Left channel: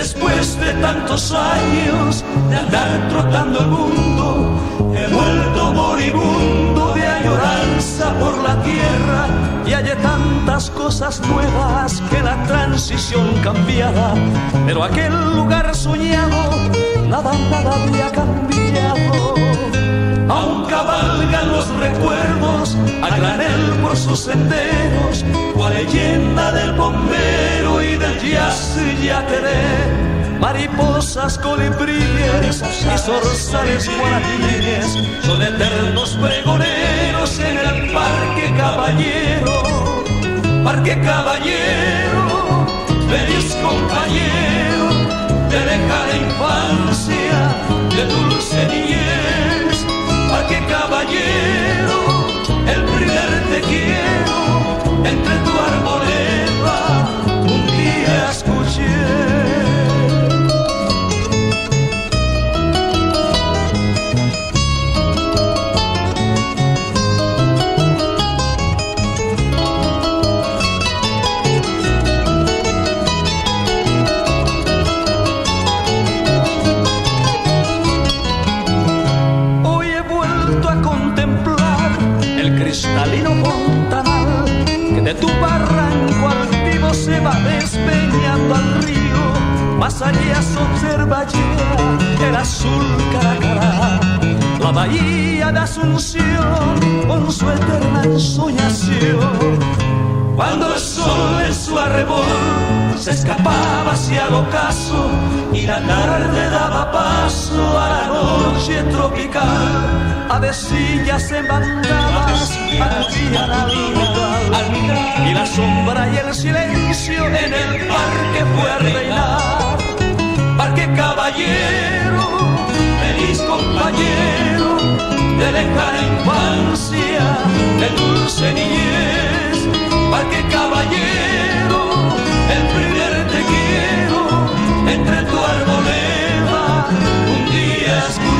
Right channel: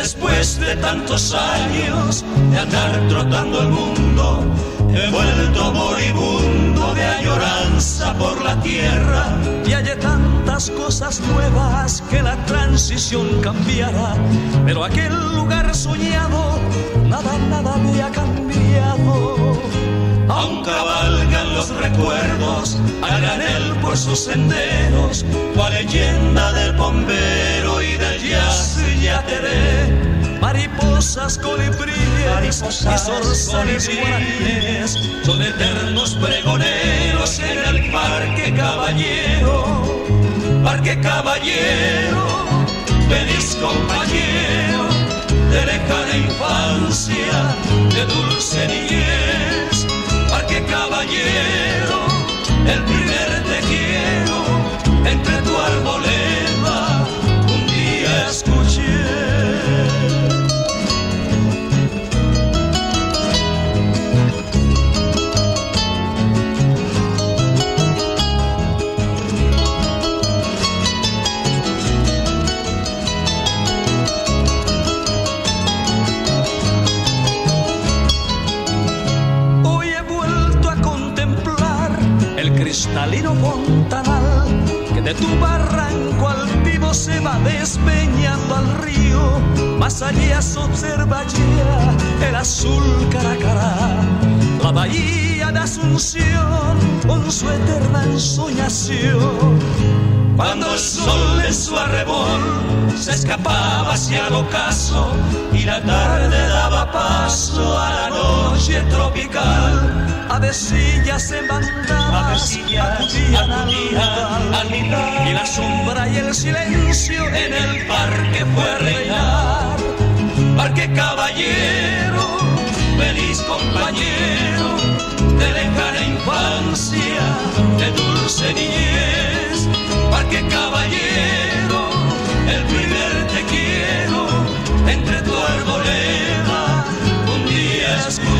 Después de tantos años de andar trotando el mundo, he vuelto moribundo de añoranza por la tierra. Y hay tantas cosas nuevas que la transición cambiará, pero aquel lugar soñado, nada había cambiado. Aún cabalgan los recuerdos a granel por sus senderos, la leyenda del bombero y del yateré. Mariposas, colibríes y zorzales guanabíes son eternos pregoneros en el Parque Caballero. Parque Caballero, feliz compañero de lejana infancia, de dulce niñez. Parque Caballero, el primer te quiero entre tu arboleda un día escuché. Cristalino fontanal que de tu barranco altivo se va despeñando al río. Más allá se observa ya el azul Caracará, la bahía de Asunción con su eterna ensoñación. Cuando el sol en su arrebol se escapaba hacia el ocaso y la tarde daba paso a la noche tropical, avecillas en bandadas acudían al nidal, y la sombra y el silencio en el parque fue a reinar. Parque Caballero, feliz compañero de lejana infancia, de dulce niñez. Parque Caballero, el primer te quiero entre tu arboleda un día escuché.